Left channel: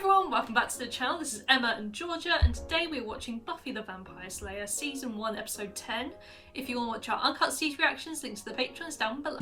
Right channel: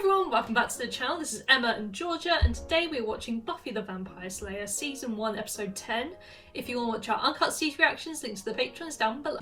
everyone, welcome back to the channel. This is Emma and Georgia, and today we're watching Buffy the Vampire Slayer Season 1 Episode 10. If you want to watch our uncut stage reactions, links to the Patreon is down below.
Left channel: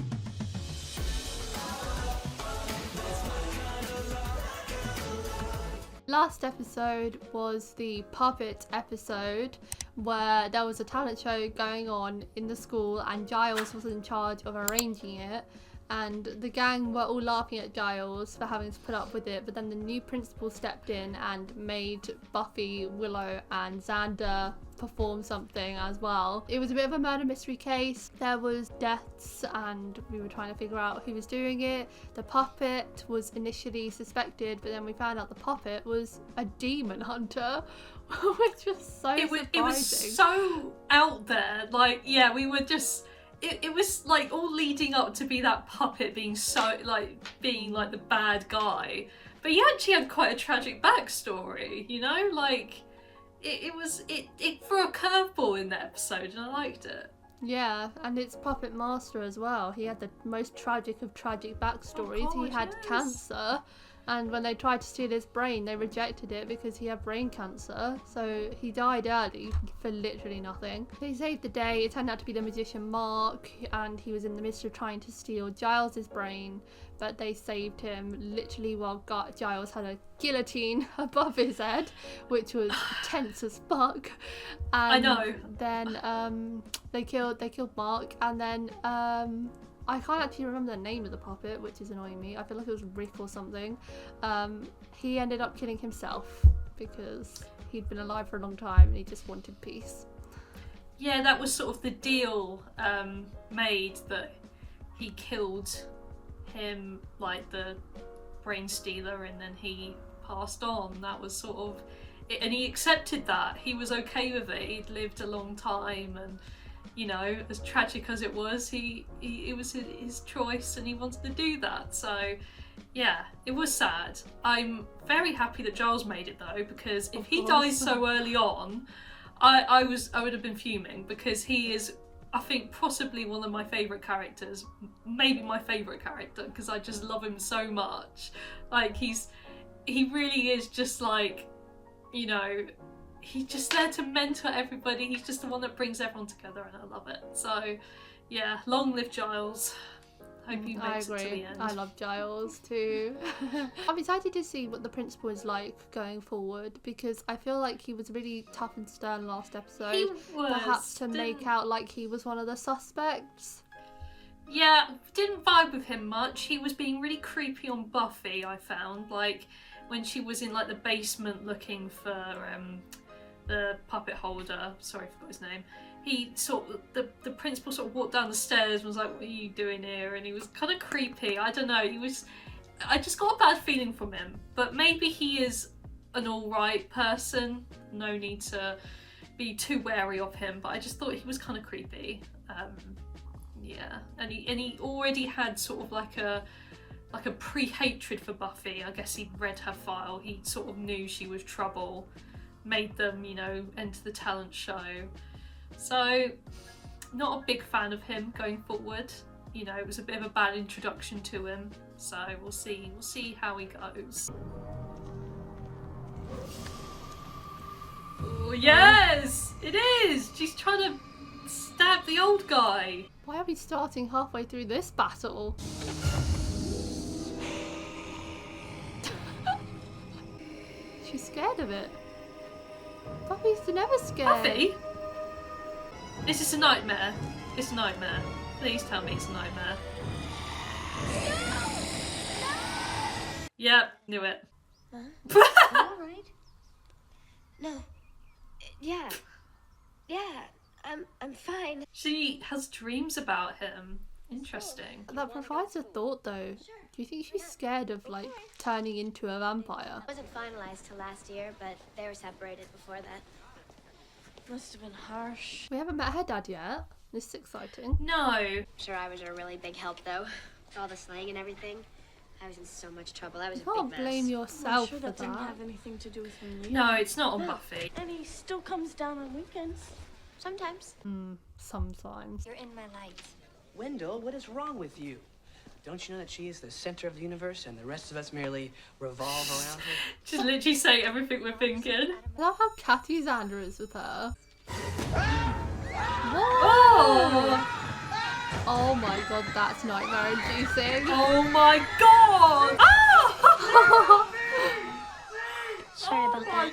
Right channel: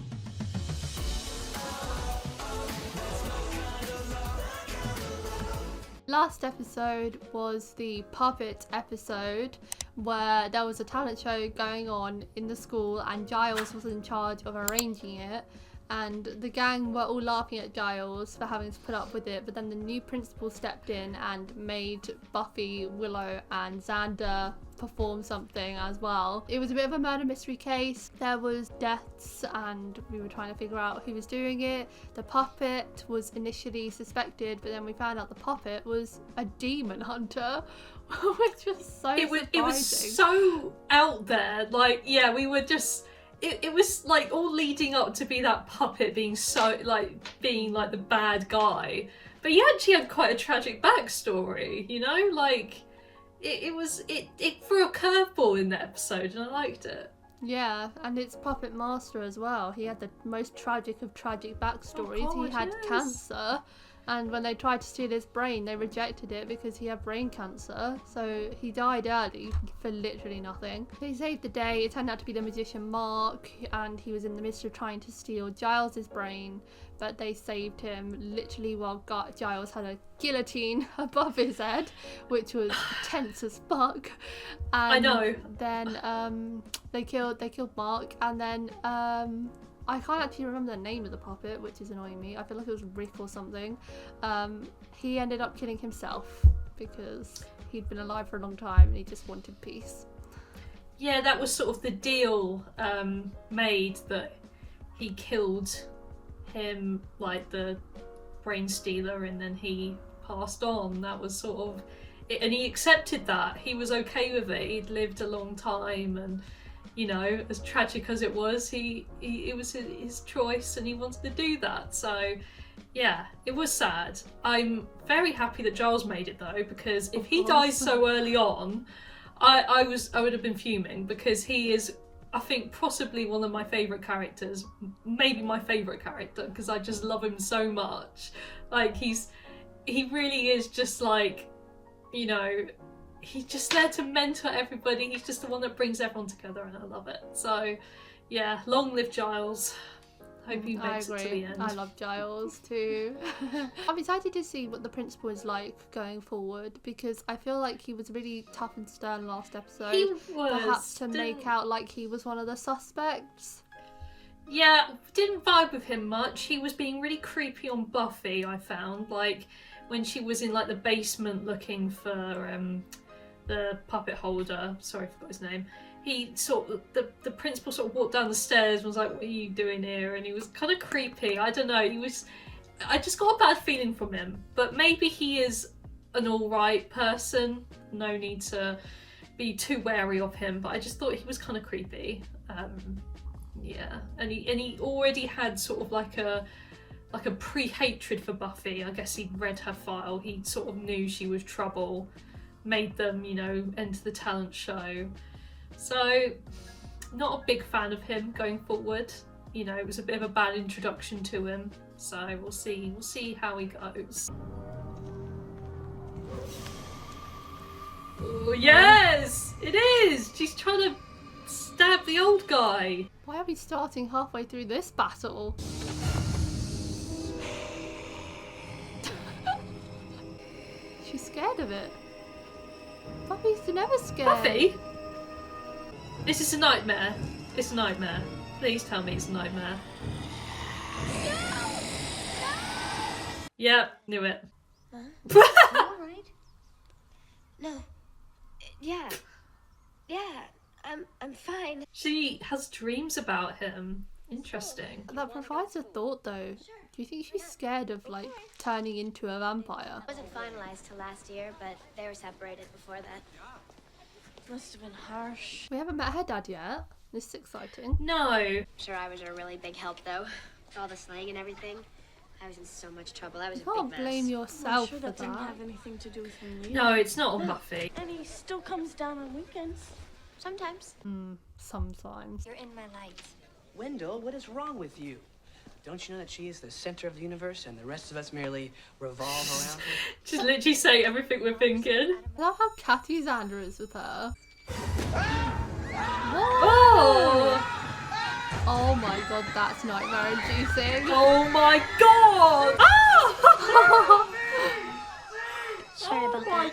Last episode was the puppet episode where there was a talent show going on in the school and Giles was in charge of arranging it, and the gang were all laughing at Giles for having to put up with it, but then the new principal stepped in and made Buffy, Willow and Xander perform something as well. It was a bit of a murder mystery case. There was deaths and we were trying to figure out who was doing it. The puppet was initially suspected, but then we found out the puppet was a demon hunter, which was so surprising. It was so out there. Like, yeah, we were just... It was like all leading up to be that puppet being so, like, being like the bad guy. But he actually had quite a tragic backstory, you know? Like, it threw a curveball in that episode and I liked it. Yeah, and it's Puppet Master as well. He had the most tragic of tragic backstories. Oh, he had cancer, and when they tried to steal his brain, they rejected it because he had brain cancer. So he died early for literally nothing. They saved the day. It turned out to be the magician Mark, and he was in the midst of trying to steal Giles's brain, but they saved him literally while Giles had a guillotine above his head, which was tense as fuck. And I know. Then they killed Mark, and then I can't actually remember the name of the puppet, which is annoying me. I feel like it was Rick or something. He ended up killing himself because he'd been alive for a long time and he just wanted peace. Yeah, that was sort of the deal made, that he killed him, like the brain stealer, and then he passed on. That was sort of it, and he accepted that. He was okay with it. He'd lived a long time, and you know, as tragic as it was, it was his choice and he wanted to do that. So yeah, it was sad. I'm very happy that Giles made it though, because if he dies so early on, I would have been fuming, because he is, I think, possibly one of my favourite characters, maybe my favourite character, because I just love him so much. Like, he really is just like, you know, he's just there to mentor everybody. He's just the one that brings everyone together, and I love it. So yeah, long live Giles. Hope he makes it to the end. I love Giles too. I'm excited to see what the principal is like going forward, because I feel like he was really tough and stern last episode. He was, perhaps to make out like he was one of the suspects. Yeah, didn't vibe with him much. He was being really creepy on Buffy, I found. Like, when she was in like the basement looking for the puppet holder, sorry, I forgot his name. He sort of, the principal sort of walked down the stairs and was like, what are you doing here? And he was kind of creepy. I don't know, I just got a bad feeling from him. But maybe he is an alright person. No need to be too wary of him, but I just thought he was kind of creepy. Yeah, and he already had sort of like a pre-hatred for Buffy. I guess he'd read her file. He sort of knew she was trouble. Made them, you know, enter the talent show. So, not a big fan of him going forward. You know, it was a bit of a bad introduction to him. So we'll see how he goes. Oh yes, it is. She's trying to stab the old guy. Why are we starting halfway through this battle? She's scared of it. Buffy's never scared. Buffy? This is a nightmare. It's a nightmare. Please tell me it's a nightmare. No! No! Yep, knew it. Alright. No. Yeah. Yeah. I'm fine. She has dreams about him. Interesting. That provides a thought though. Do you think she's scared of like turning into a vampire? It wasn't finalized till last year, but they were separated before that. Must have been harsh. We haven't met her dad yet. This is exciting. No. I'm sure I was a really big help though. With all the slang and everything. I was in so much trouble. I was You a can't big mess. blame yourself I'm sure for that didn't that. have anything to do with him leaving. No, it's not on Buffy. And he still comes down on weekends. Sometimes. Sometimes. You're in my light. Wendell, what is wrong with you? Don't you know that she is the center of the universe and the rest of us merely revolve around her? She's literally saying everything we're thinking. I love how catty Xander is with her. Oh! Oh my god, that's nightmare inducing. Oh my god! Ah! Sorry about that.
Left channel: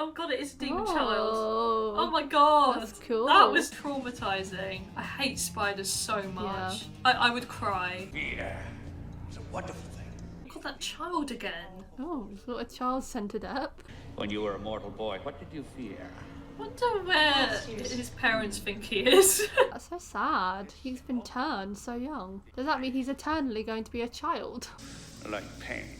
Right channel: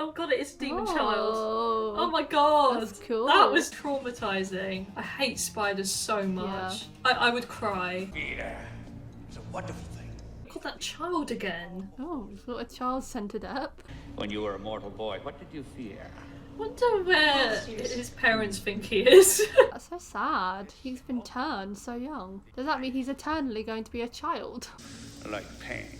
Oh god, it is a demon Oh. child. Oh my god. That's cool. That was traumatizing. I hate spiders so much. Yeah. I would cry. Fear is a wonderful thing. God, that child again. Oh, he's got a child-centered app. When you were a mortal boy, what did you fear? Wonder where his parents think he is. That's so sad. He's been turned so young. Does that mean he's eternally going to be a child? Like pain.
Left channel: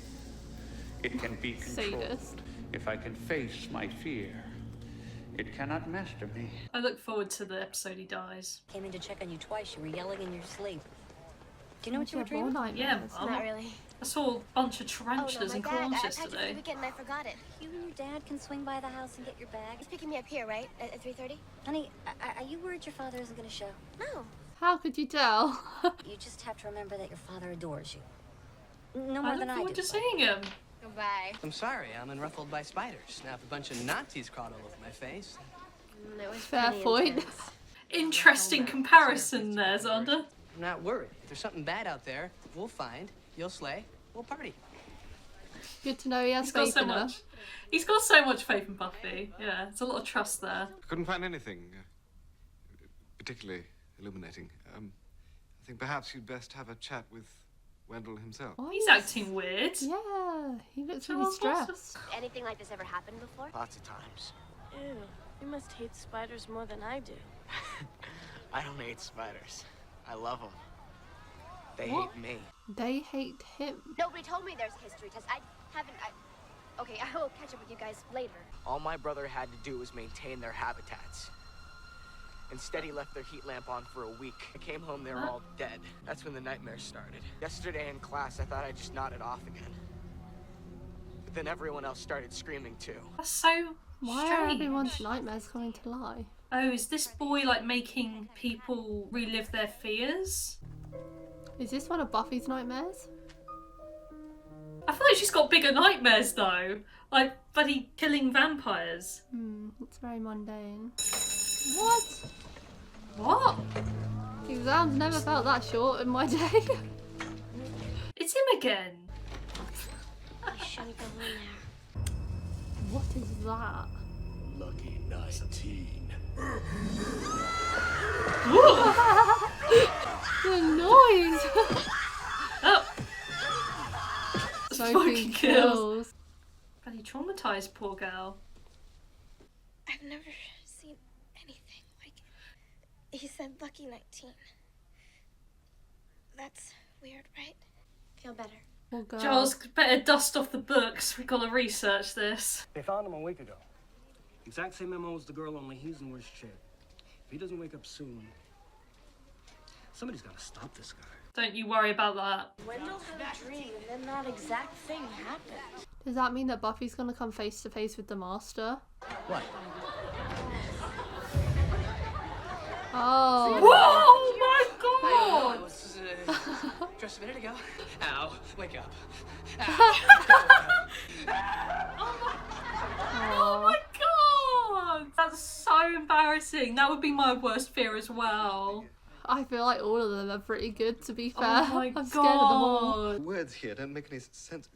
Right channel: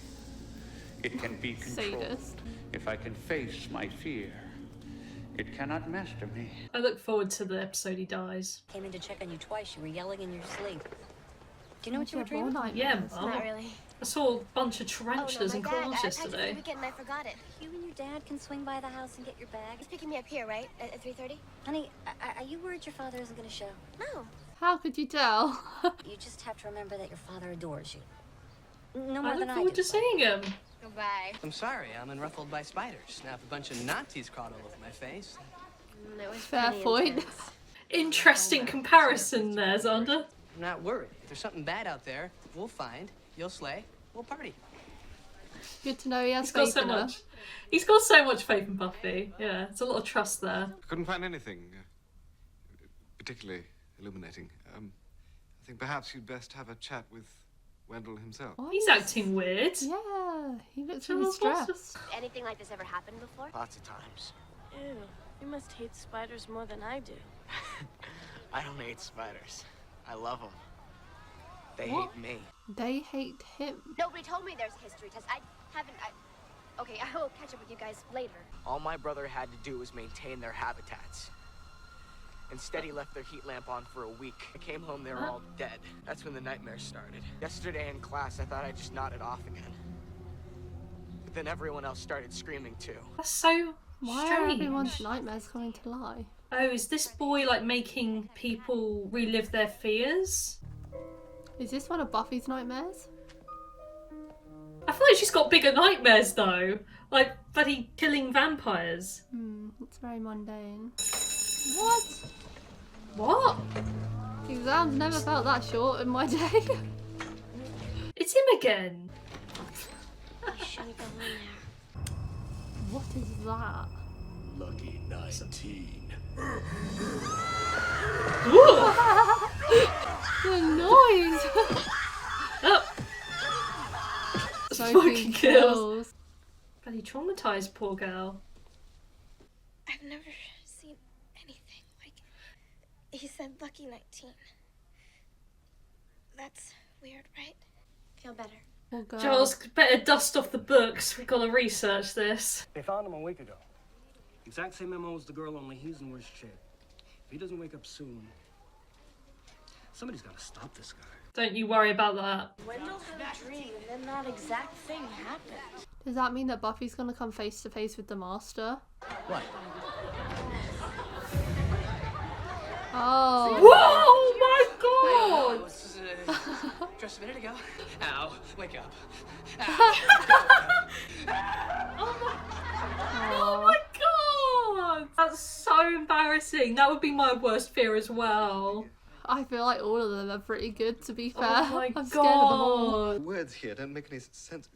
It can be controlled. Sadist. If I can face my fear, it cannot master me. I look forward to the episode he dies. Came in to check on you twice. You were yelling in your sleep. Do you know what you were She had more dreaming? Yeah, nightmares. Mum. Not really. I saw a bunch of Oh tarantulas no, and my claws bag. I packed it for yesterday. the weekend and I forgot it. You and your dad can swing by the house and get your bag. He's picking me up here, right? At 3:30? Honey, are you worried your father isn't going to show? No. How could you tell? You just have to remember that your father adores you. No I more look than I forward do. to seeing him. Goodbye. I'm sorry, I'm unruffled by spiders. Now if a bunch of Nazis crawled all over my face. It was Fair pretty point. intense. Interesting comparison there, Xander. I'm not worried. If there's something bad out there, we'll find, you'll slay, we'll party. Good to know he has He's got faith so in her. much. He's got so much faith in Buffy. Yeah, there's a lot of trust there. Couldn't find anything particularly illuminating. I think perhaps you'd best have a chat with Wendell himself. Why He's is- acting weird. Yeah, he looks really Well, stressed. Anything like this ever happened before? Lots of times. Ew, you must hate spiders more than I do. I don't hate spiders. I love them. They What? hate me. They hate him. Nobody told me there's a history test. I haven't. Okay, I will catch up with you guys later. All my brother had to do was maintain their habitats. Instead, he left their heat lamp on for a week. I came home, they were all dead. That's when the nightmares started. Yesterday in class, I thought I just nodded off again. But then everyone else started screaming too. That's so Why are strange. everyone's nightmares coming to lie? Oh, is this boy like making people relive their fears? Is this one of Buffy's nightmares? I feel like she's got bigger nightmares though. Like bloody killing vampires. It's very mundane. What? What? Exams never felt that short in my day. It's him again. You shouldn't go in there. What is that? Lucky 19. The noise! Oh, Smoking Smoking kills. kills. bloody traumatized poor girl. I've never seen anything like it. He said lucky 19. That's weird, right? Feel better. Poor girl. Giles, better dust off the books. We've got to research this. They found him a week ago. Exact same MO as the girl, only he's in worse shape. If he doesn't wake up soon, somebody's got to stop this guy. Don't you worry about that. Wendell had a dream, and then that exact thing happened. Does that mean that Buffy's gonna come face to face with the Master? What? Oh. Oh my god! I was just a minute ago. Ow, wake up. Oh my god! That's so embarrassing. That would be my worst fear as well. I feel like all of them are pretty good, to be fair. Oh my I'm scared of them all. god! The words here don't make any sense.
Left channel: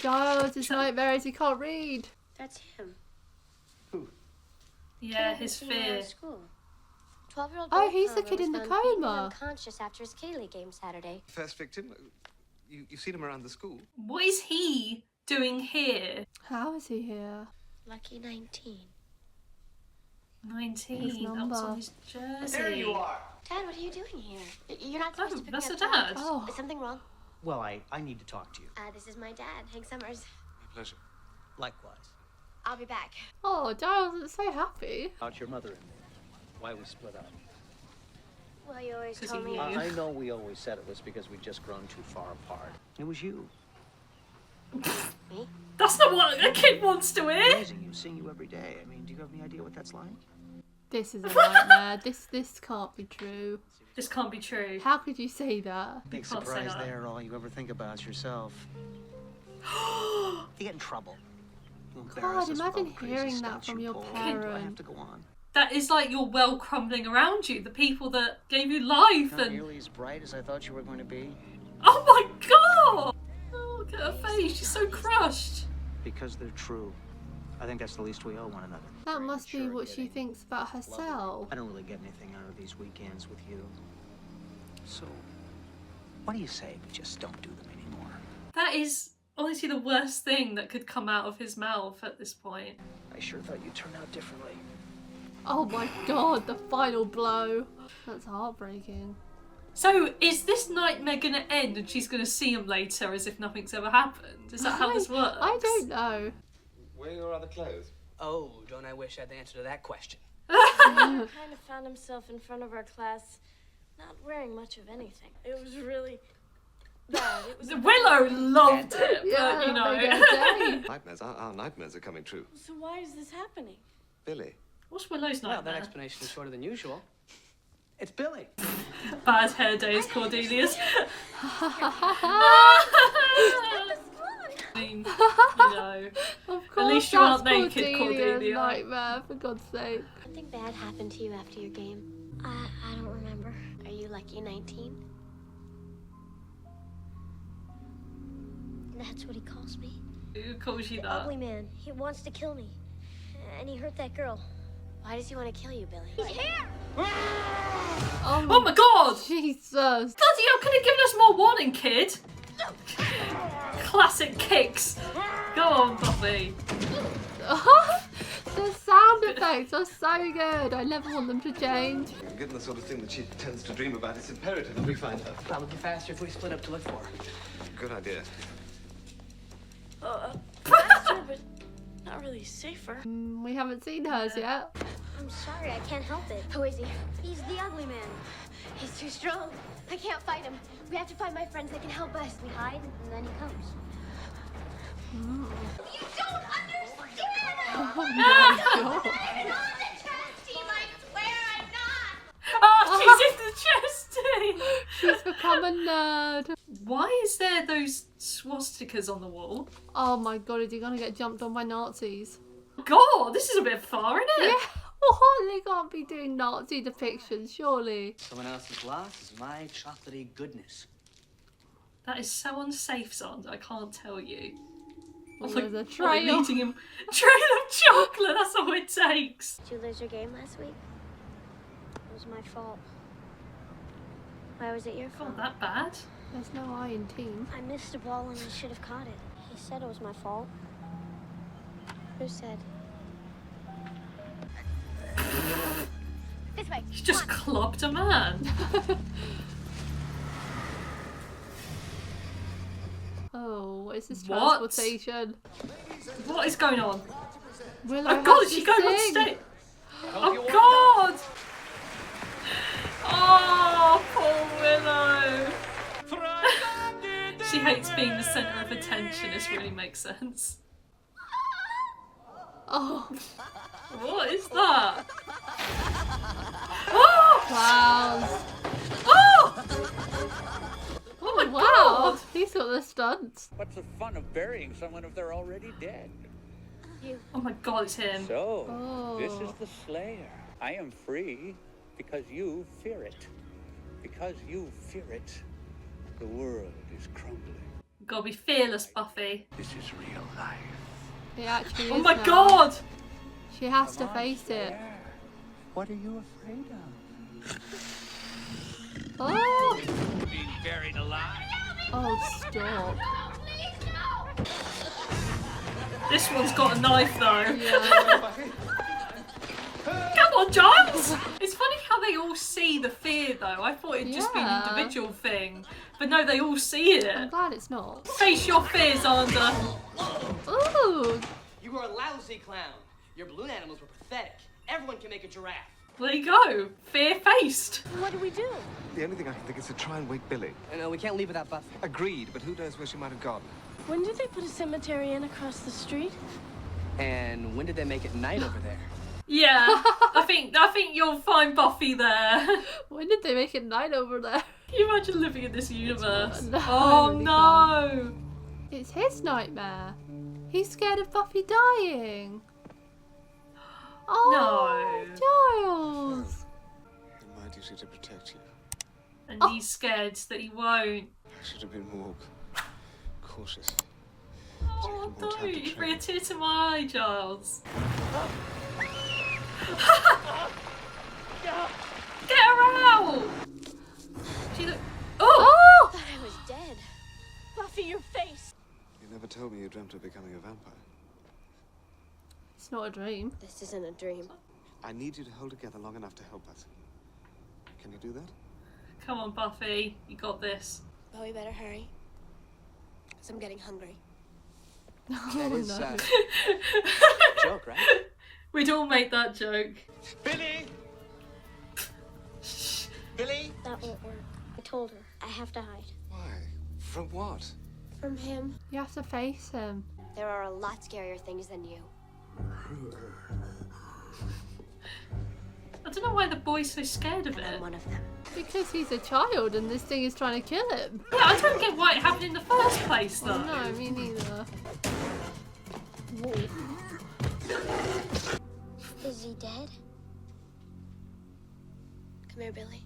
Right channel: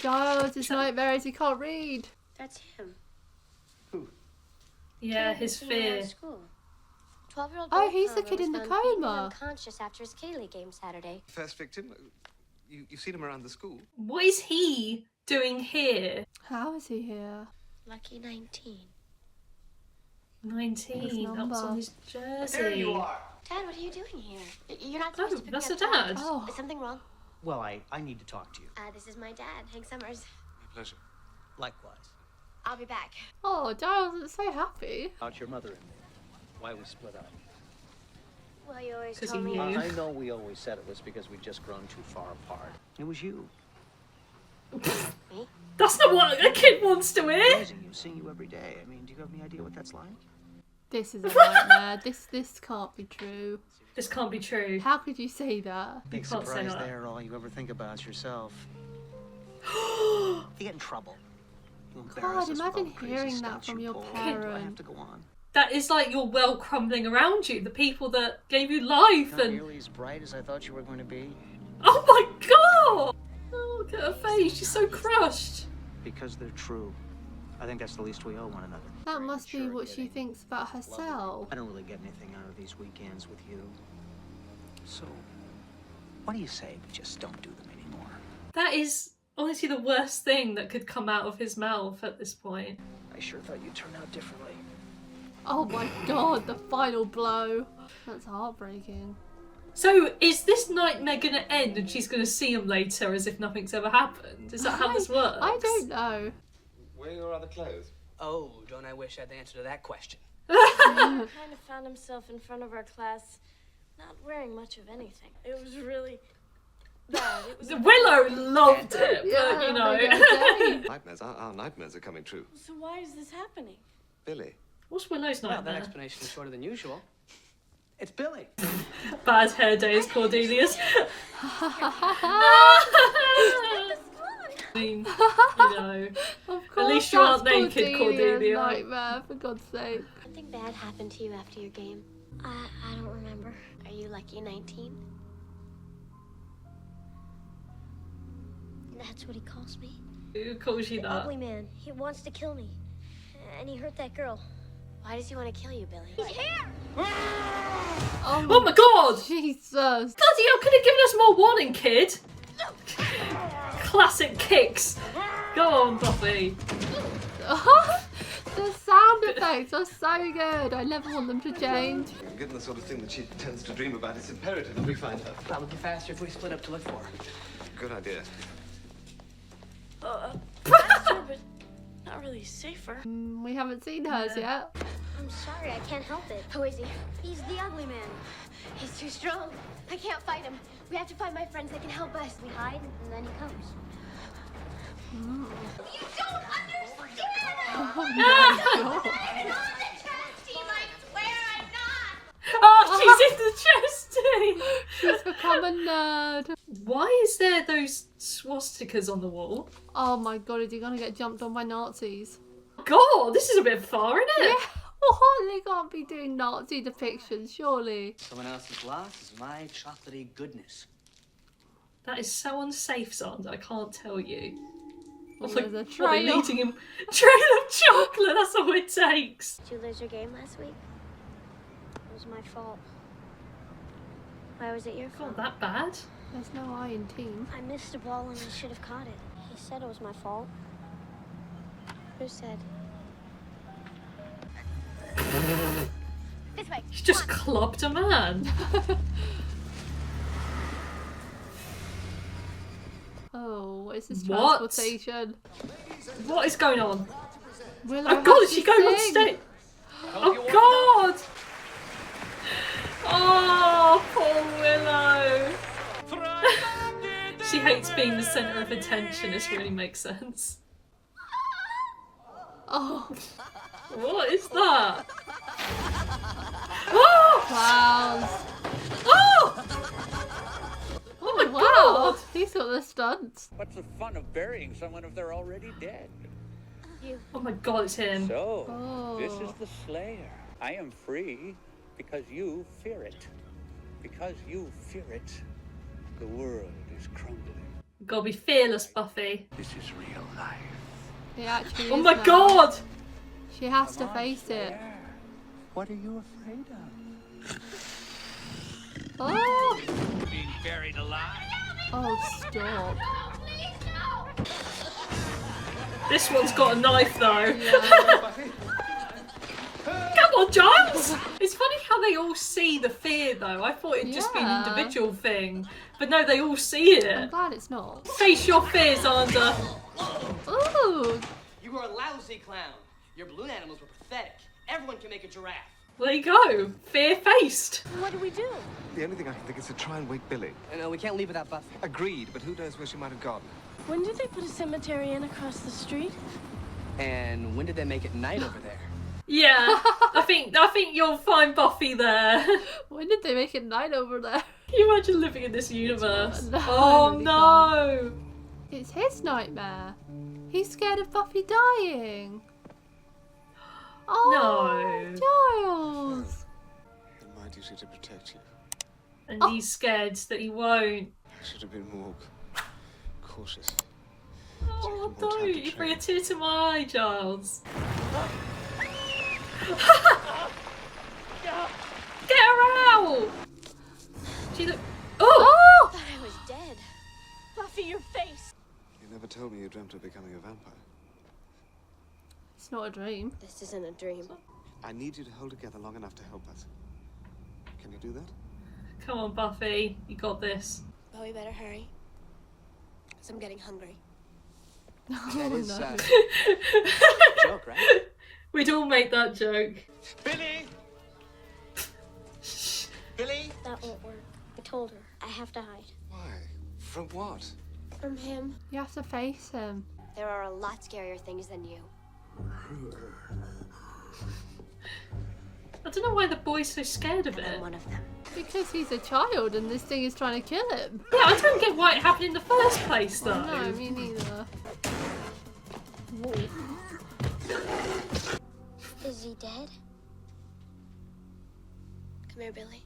Giles, his nightmares, he can't read. That's him. Yeah, his fear. School. 12-year-old Oh, boy he's the Connor kid was in the found beaten coma. unconscious after his Kitty League game Saturday. First victim, you've seen him around the school. What is he doing here? How is he here? Lucky 19. 19. His That was number. on his jersey. There you are. Dad, what are you doing here? You're not supposed to pick that's me a up dad. till- Oh. Is something wrong? Well, I need to talk to you. This is my dad, Hank Summers. My pleasure. Likewise. I'll be back. Oh, Giles is so happy. About your mother and me. Why we split up. Well, you always 'Cause told he me. knew. I know we always said it was because we'd just grown too far apart. It was you. Me? That's not what a kid wants to hear. Raising you, seeing you every day. I mean, do you have any idea what that's like? This is a nightmare. This can't be true. This can't be true. How could you say that? Big can't say surprise that. there. All you ever think about is yourself. You get in trouble. God, imagine hearing that from your parent. That is like your world crumbling around you. The people that gave you life Not and... nearly as bright as I thought you were going to be. Oh my god! Oh, look at her face. She's so crushed. Because they're true. I think that's the least we owe one another. That must be what she thinks about herself. I don't really get anything out of these weekends with you. So, what do you say we just don't do them anymore? That is honestly the worst thing that could come out of his mouth at this point. I sure thought you'd turn out differently. Oh my god, the final blow. That's heartbreaking. So, is this nightmare gonna end and she's gonna see him later as if nothing's ever happened? Is that how this works? I don't know. Where are your other clothes? Oh, don't I wish I had the answer to that question. He kind of found himself in front of our class, not wearing much of anything. It was really bad. It was Willow loved it, Yeah, but you know. Nightmares. Our nightmares are coming true. So why is this happening? Billy. What's Willow's Well, nightmare? that explanation is shorter than usual. It's Billy. Bad hair days, Cordelia's. I mean, you know. Of course, At least you aren't that's naked, Cordelia's Cordelia. nightmare, for God's sake. Something bad happened to you after your game. I don't remember. Are you Lucky 19? That's what he calls me. Who calls you The that? ugly man. He wants to kill me. And he hurt that girl. Why does he want to kill you, Billy? He's here! Oh my god! Jesus. Bloody hell, could have given us more warning, kid! Classic kicks. Go on, Buffy. The sound effects are so good. I never want them to change. Given the sort of thing that she tends to dream about, it's imperative that we find her. Probably faster if we split up to look for her. Good idea. Faster, but not really safer. We haven't seen hers yet. I'm sorry, I can't help it. Who is he? He's the ugly man. He's too strong. I can't fight him. We have to find my friends that can help us. We hide, and then he comes. You don't understand! Oh my god. I'm not the chess team, I swear I'm not! Oh, she's in the chess team! She's become a nerd. Why is there those swastikas on the wall? Oh my god, is he gonna get jumped on by Nazis? God, this is a bit far, isn't it? Yeah. Oh, they can't be doing Nazi depictions, surely. Someone else's loss is my chocolatey goodness. That is so unsafe, Xander, I can't tell you. Well, Like, there's a what, are you trail. eating him? Trail of chocolate, that's all it takes. Did you lose your game last week? It was my fault. Why was it your fault? Not that bad. There's no I in team. I missed a ball and I should have caught it. He said it was my fault. Who said? This way. She just clubbed a man. Oh, what is this What? transportation? What is going on? Willow Oh god, has is she to going on sing. stage? Oh god! Oh, poor Willow. She hates being the centre of attention, this really makes sense. Oh, What is that? Oh! clowns. Oh! Oh my Wow, god! he's got the stunts. What's the fun of burying someone if they're already dead? Oh my god, it's him. So, this is Oh. the Slayer. I am free because you fear it. Because you fear it, the world is crumbling. Gotta be fearless, Buffy. This is real life. He actually Oh is my now. god! She has to Come on, face it. Slayer. What are you afraid of? Oh, Being buried alive? oh, stop. This one's got a knife though. Yeah. Come on, Giles! It's funny how they all see the fear though. I thought it'd just be an Yeah. individual thing. But no, they all see I'm it. glad it's not. Face your fears, Xander. Ooh, You were a lousy clown. Your balloon animals were pathetic. Everyone can make a giraffe. There you go. Fear-faced. What do we do? The only thing I can think is to try and wake Billy. No, we can't leave without Buffy. Agreed, but who knows where she might have gone? When did they put a cemetery in across the street? And when did they make it night over there? Yeah, I think you'll find Buffy there. when did they make it night over there? Can you imagine living in this universe? No, Oh I really no! It's his nightmare. He's scared of Buffy dying. Oh, Giles. It's my duty to protect you. And he's scared that he won't. I should have been more cautious. Oh, don't. You bring a tear to my eye, Giles. Get her out! She look. I thought I was dead. Buffy, your face. You never told me you dreamt of becoming a vampire. It's not a dream. This isn't a dream. I need you to hold together long enough to help us. Can you do that? Come on, Buffy. You got this. But we better hurry. Because I'm getting hungry. That is no. joke, right? We'd all make that joke. Billy! Billy? That won't work. I told her. I have to hide. Why? From what? From him. You have to face him. There are a lot scarier things than you. I don't know why the boy's so scared of And it. I'm one of them. Because he's a child and this thing is trying to kill him. Yeah, I don't get why it happened in the first place, though. No, me neither. Is he dead? Come here, Billy.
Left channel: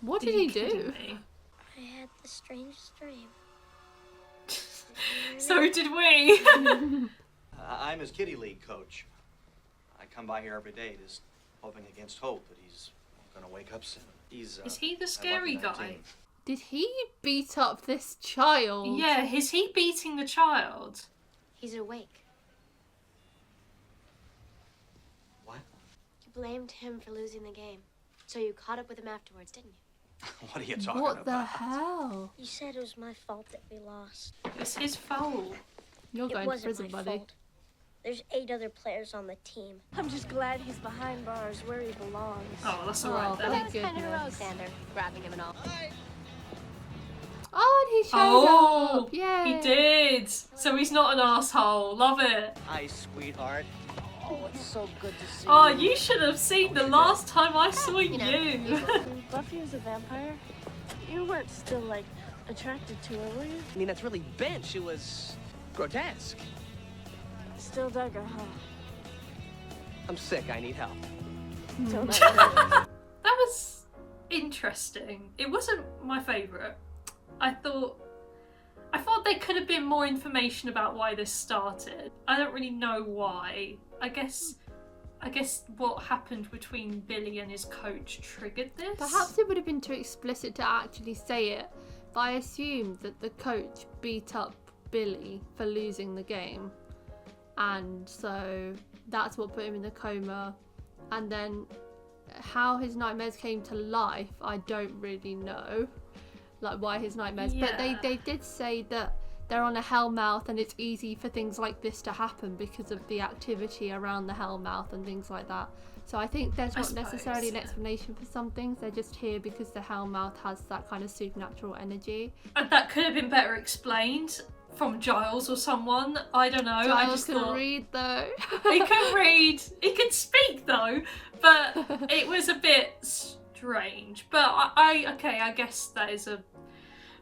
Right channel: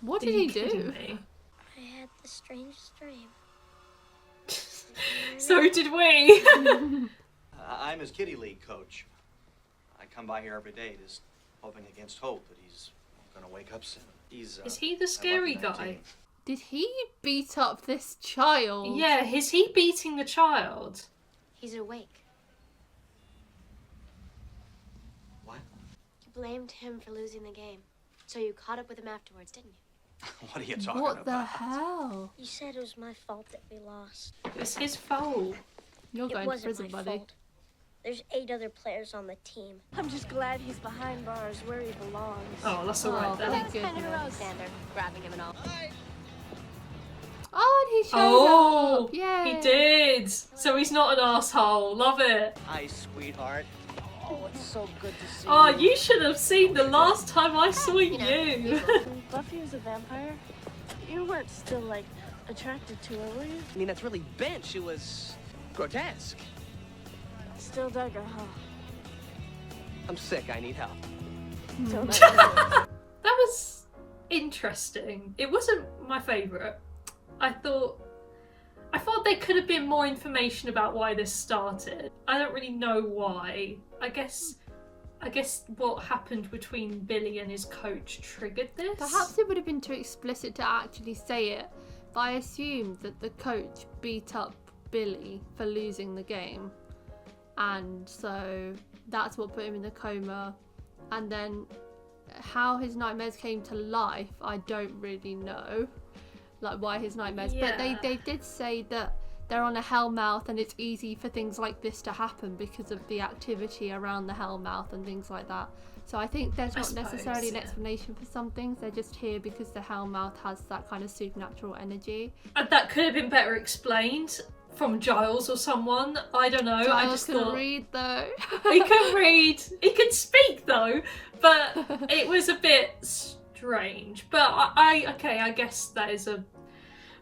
What did he do? I had the strangest dream. So did we. I'm his kitty league coach. I come by here every day just hoping against hope that he's gonna wake up soon. He's Is he the scary guy? Did he beat up this child? Yeah, is he beating the child? He's awake. What? You blamed him for losing the game. So you caught up with him afterwards, didn't you? What are you talking What about? the hell? You said it was my fault that we lost. It's his fault. You're It going to wasn't prison, my buddy. fault. There's 8 other players on the team. I'm just glad he's behind bars where he belongs. Oh, that's alright then. thank Kind of goodness. heroic, Xander, grabbing him and all. Oh, and he showed Oh, up! Yay! he did. So he's not an asshole. Love it. Hi, sweetheart. Oh, it's so good to see Oh, you. you should have seen the last time I saw you. When Buffy was a vampire, you weren't still, like, attracted to her, were you? I mean, that's really bench. It was grotesque. Still dug her, huh? I'm sick. I need help. Don't I? That was interesting. It wasn't my favourite. I thought there could have been more information about why this started. I don't really know why. I guess what happened between Billy and his coach triggered this. Perhaps it would have been too explicit to actually say it, but I assumed that the coach beat up Billy for losing the game. And so that's what put him in the coma. And then how his nightmares came to life, I don't really know. Like why his nightmares. But they did say that they're on a hellmouth and it's easy for things like this to happen because of the activity around the hellmouth and things like that. So I think there's not necessarily an explanation for some things. They're just here because the hellmouth has that kind of supernatural energy. And that could have been better explained from Giles or someone. I don't know. Giles couldn't read though. He could read. He could speak though, but it was a bit strange. But I guess that is a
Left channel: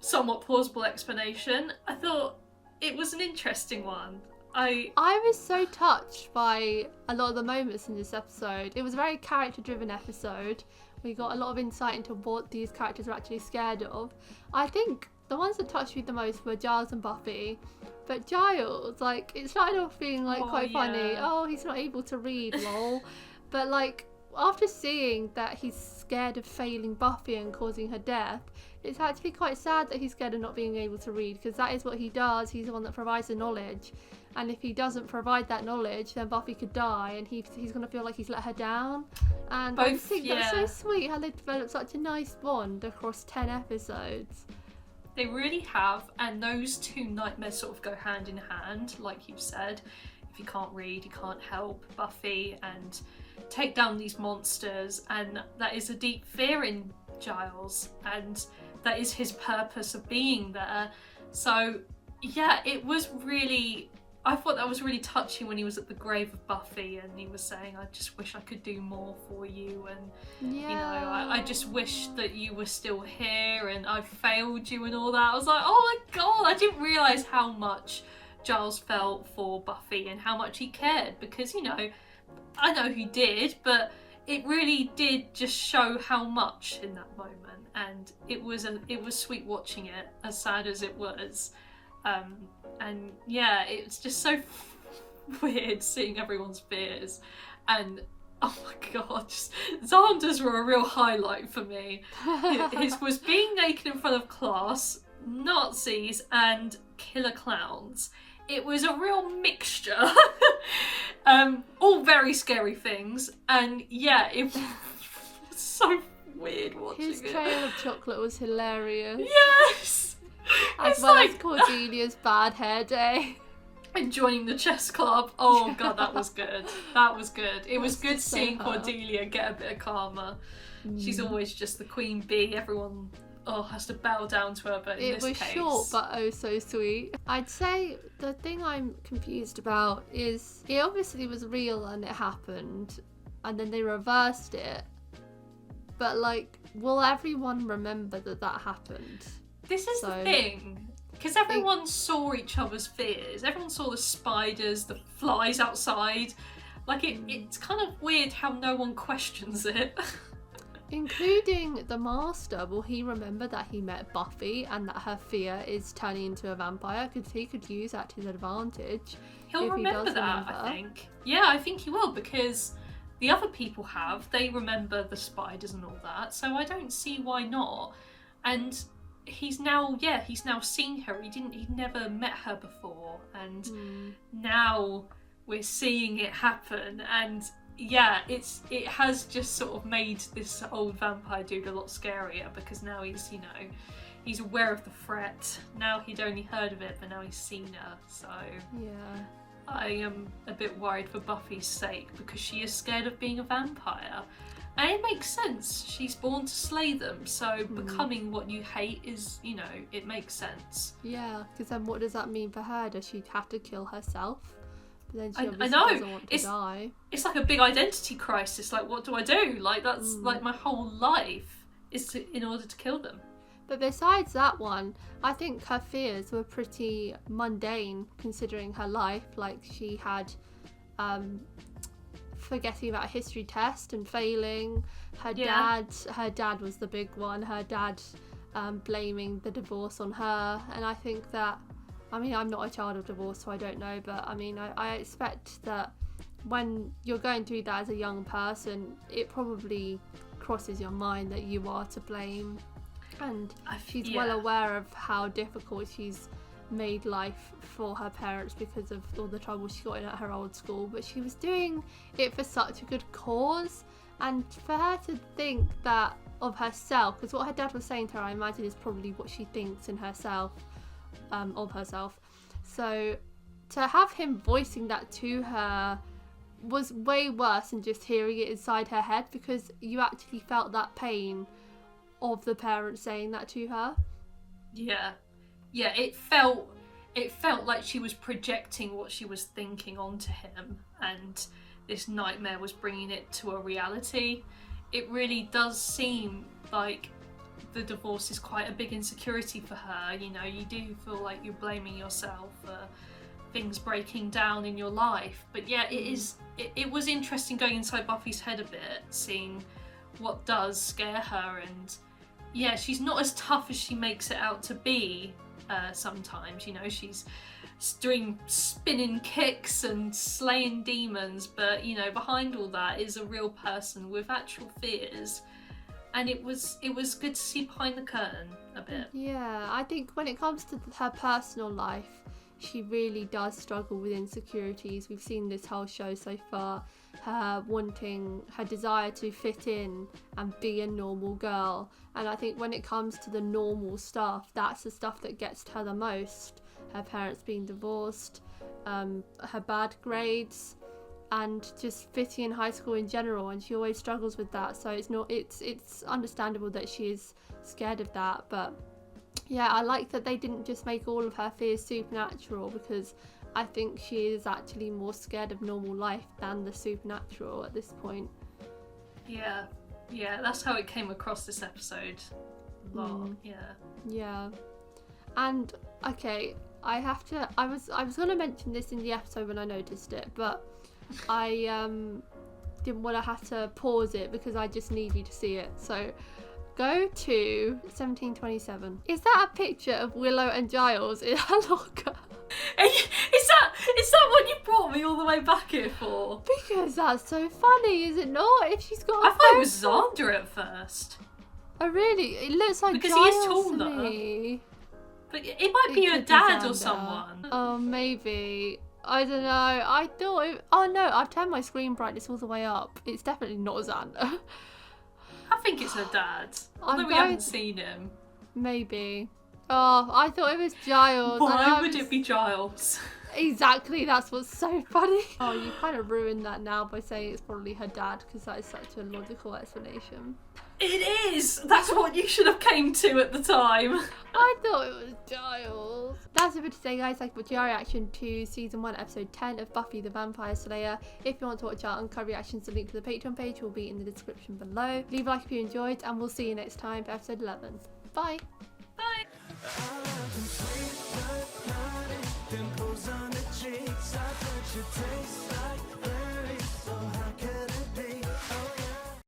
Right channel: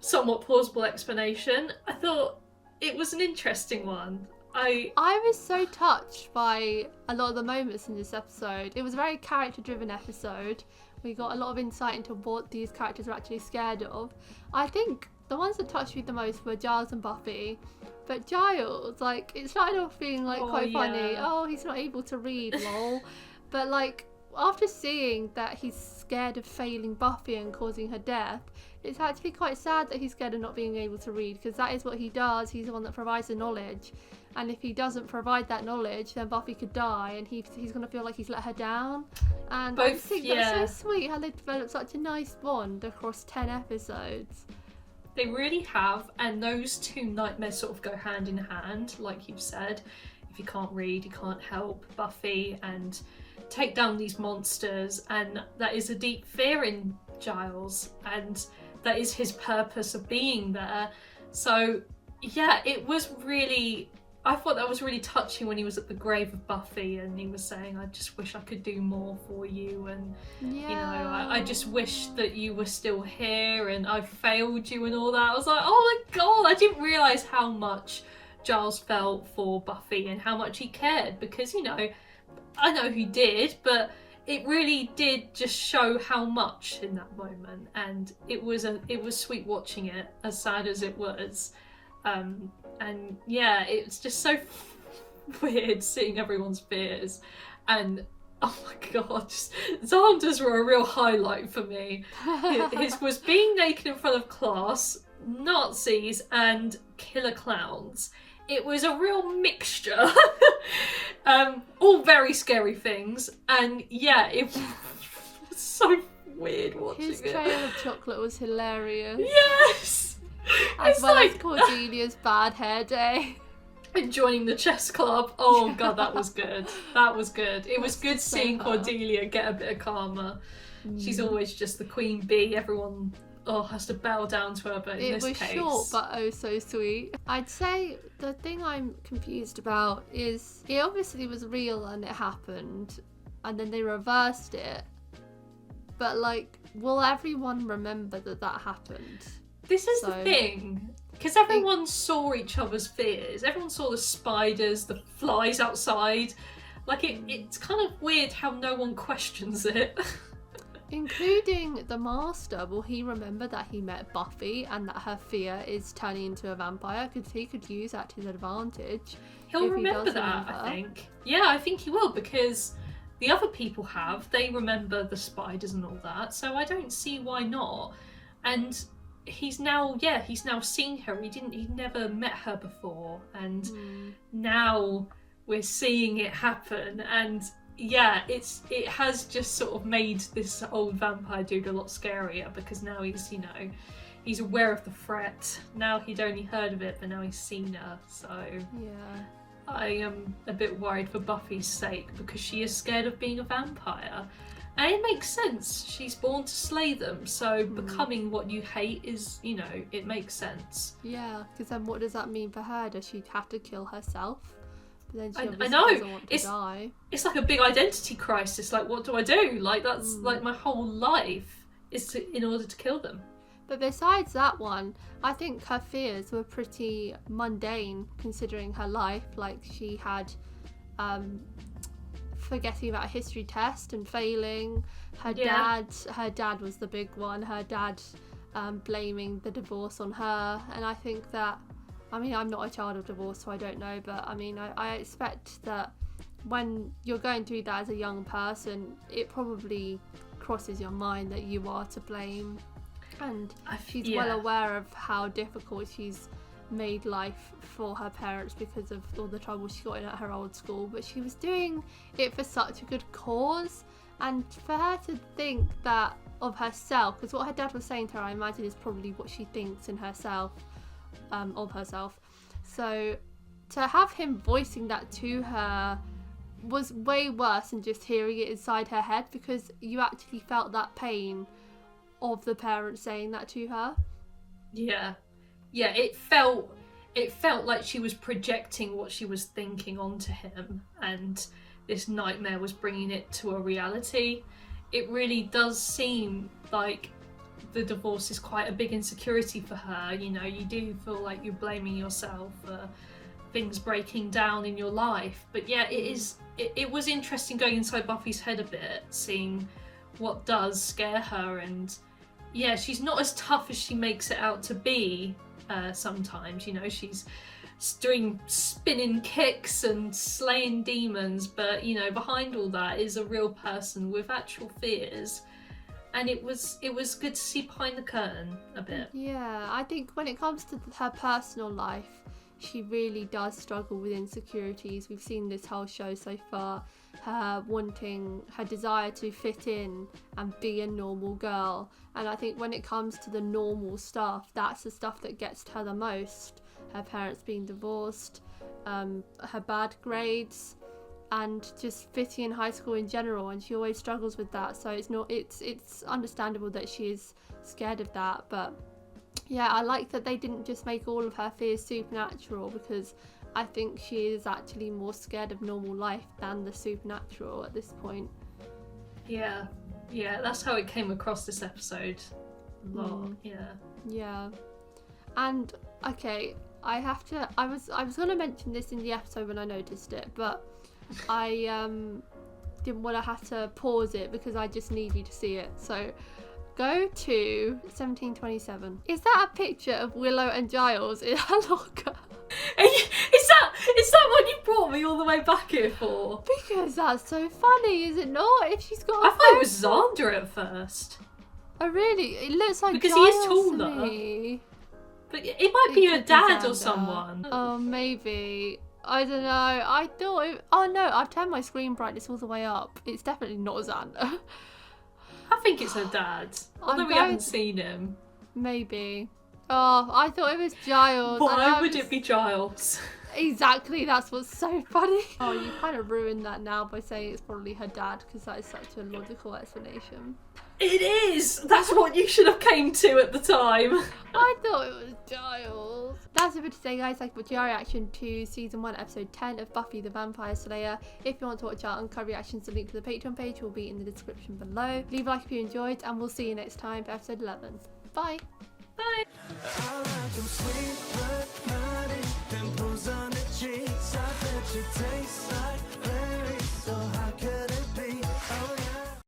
somewhat plausible explanation. I thought it was an interesting one. I was so touched by a lot of the moments in this episode. It was a very character-driven episode. We got a lot of insight into what these characters are actually scared of. I think the ones that touched me the most were Giles and Buffy. But Giles, like, it started off being like quite funny. Oh, he's not able to read, lol. But like, after seeing that he's scared of failing Buffy and causing her death, it's actually quite sad that he's scared of not being able to read, because that is what he does. He's the one that provides the knowledge. And if he doesn't provide that knowledge, then Buffy could die, and he's going to feel like he's let her down. And I think that's so sweet how they developed such a nice bond across 10 episodes. They really have, and those two nightmares sort of go hand in hand, like you've said. If you can't read, you can't help Buffy and take down these monsters, and that is a deep fear in Giles, and that is his purpose of being there. So yeah, it was really I thought that was really touching when he was at the grave of Buffy and he was saying, I just wish I could do more for you, and you know, I just wish that you were still here and I failed you and all that. I was like, oh my god, I didn't realise how much Giles felt for Buffy and how much he cared, because, you know, I know he did, but it really did just show how much in that moment, and it was sweet watching it, as sad as it was. And yeah, it's just so weird seeing everyone's fears, and oh my god, Xander's were a real highlight for me. His was being naked in front of class, Nazis, and killer clowns. It was a real mixture. All very scary things, and yeah, it was so weird watching His it. trail of chocolate was hilarious. Yes! As It's well like... as Cordelia's bad hair day. And joining the chess club. Oh god, that was good. That was good. It was good seeing Cordelia get a bit of karma. She's always just the queen bee. Everyone has to bow down to her, but in It this was case... short but oh so sweet. I'd say the thing I'm confused about is it obviously was real and it happened and then they reversed it, but like, will everyone remember that happened? This is the thing, because everyone saw each other's fears. Everyone saw the spiders, the flies outside. Like, it's kind of weird how no one questions it. Including the Master. Will he remember that he met Buffy and that her fear is turning into a vampire? Because he could use that to his advantage. He'll if remember he does that, remember. I think. Yeah, I think he will, because the other people have. They remember the spiders and all that, so I don't see why not. And he's now seen her. He'd never met her before, and now we're seeing it happen, and yeah, it has just sort of made this old vampire dude a lot scarier, because now he's, you know, he's aware of the threat. Now he'd only heard of it, but now he's seen her, so yeah, I am a bit worried for Buffy's sake, because she is scared of being a vampire. And it makes sense. She's born to slay them, so becoming what you hate is, you know, it makes sense. Yeah, because then what does that mean for her? Does she have to kill herself? But then she I obviously know. doesn't want to die. It's like a big identity crisis. Like, what do I do? Like, that's like my whole life is in order to kill them. But besides that one, I think her fears were pretty mundane considering her life. Like, she had forgetting about a history test and failing. Her dad was the big one. Her dad blaming the divorce on her. And I think that, I mean, I'm not a child of divorce, so I don't know, but I mean, I expect that when you're going through that as a young person, it probably crosses your mind that you are to blame. And she's well aware of how difficult she's made life for her parents because of all the trouble she got in at her old school, but she was doing it for such a good cause, and for her to think that of herself, because what her dad was saying to her, I imagine, is probably what she thinks in herself, of herself. So to have him voicing that to her was way worse than just hearing it inside her head, because you actually felt that pain of the parents saying that to her. Yeah, it felt like she was projecting what she was thinking onto him, and this nightmare was bringing it to a reality. It really does seem like the divorce is quite a big insecurity for her. You know, you do feel like you're blaming yourself for things breaking down in your life. But yeah, it was interesting going inside Buffy's head a bit, seeing what does scare her, and yeah, she's not as tough as she makes it out to be. Sometimes, you know, she's doing spinning kicks and slaying demons, but you know, behind all that is a real person with actual fears, and it was good to see behind the curtain a bit. Yeah, I think when it comes to her personal life, she really does struggle with insecurities. We've seen this whole show so far, her desire to fit in and be a normal girl. And I think when it comes to the normal stuff, that's the stuff that gets to her the most. Her parents being divorced, her bad grades, and just fitting in high school in general, and she always struggles with that. So it's understandable that she is scared of that. But yeah, I like that they didn't just make all of her fears supernatural, because I think she is actually more scared of normal life than the supernatural at this point. Yeah, that's how it came across this episode. A lot, Yeah. And okay, I was gonna mention this in the episode when I noticed it, but I didn't want to have to pause it because I just need you to see it. So go to 1727. Is that a picture of Willow and Giles in her locker? Is that what you brought me all the way back here for? Because that's so funny, is it not? If she's got I thought it was Xander at first. Oh really? It looks like because Giles he is taller. to me. But it might be your dad or Xander. someone. Oh, maybe. I don't know. I thought it... Oh no, I've turned my screen brightness all the way up. It's definitely not Xander. I think it's her dad. Although we haven't seen him. Maybe. Oh, I thought it was Giles. Why would it be Giles? Exactly, that's what's so funny. Oh, you kind of ruined that now by saying it's probably her dad, because that is such a logical explanation. It is! That's what you should have came to at the time. I thought it was Giles. That's it for today, guys. Thank you for your reaction to season 1 episode 10 of Buffy the Vampire Slayer. If you want to watch our uncut reactions, the link to the Patreon page will be in the description below. Leave a like if you enjoyed, and we'll see you next time for episode 11. Bye. Bye. I like 'em sweet but naughty, dimples on the cheeks, I bet you taste